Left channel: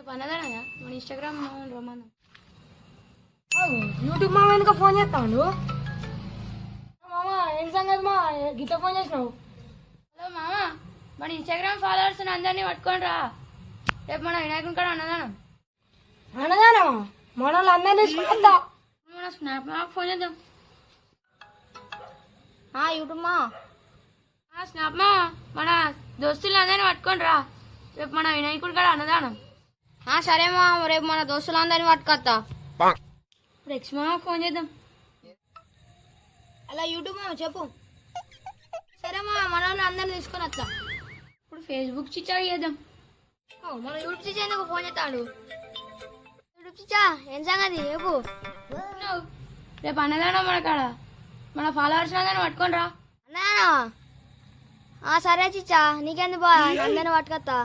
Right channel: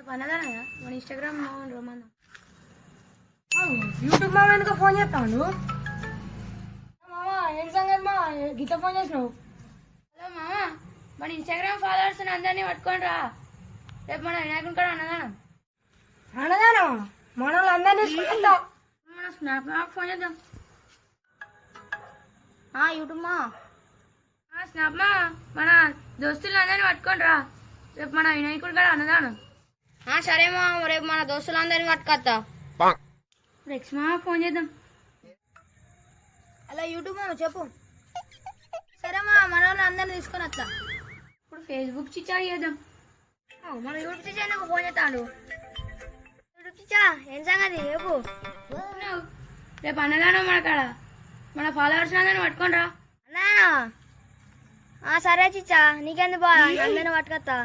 రేపు అన్నదానయ్యా మన ఇన్స్టాగ్రామ్ రమ్మన్నా. యూట్యూబ్ మామ ఎందుకు ఫోన్ చేస్తాడు? మామ ఏం సంగతి మా గిట్ల ఫోన్ చేసినావు? హలో మామ, మన ఇన్స్టాగ్రామ్ ఫాలోవర్స్ అందరినీ పట్టుకొని రా, రేపు మన వినాయకుని కాడ అన్నదానం. అన్నదేనమ్మా మన వాళ్ళు అందరినీ తీసుకుంటా. మన స్నాప్ మాకు ఫోన్ చేద్దాం. యూట్యూబ్ మా స్నాప్ మా మన దోస్తులు అందరినీ పట్టుకొని రా, రేపు మన వినాయకుడి కాడ అన్నదానం. సరే మా రేపు మన దోస్తులందరినీ పట్టుకొస్తా. రెక్స్ మా ఫోన్ చేద్దాం. అలా యూట్యూబ్ మా చెప్పు. సరే మా మన వాళ్ళు అందరినీ తీసుకొని వస్తా. ఇప్పుడు ఫేస్బుక్ చిచ్చా చేద్దాం. మన యూట్యూబ్ చిచ్చా ఎందుకు ఫోన్ చేస్తాడు? యూట్యూబ్ చిచ్చా ఏం సంగతి రేపు? రేపు అన్నదానం మన కాడ, మన ఫాలోవర్స్ అందరినీ పట్టుకొని రా. అన్నా సరే చిచ్చా నీకెందుకు బా అందరినీ పట్టుకొస్తా.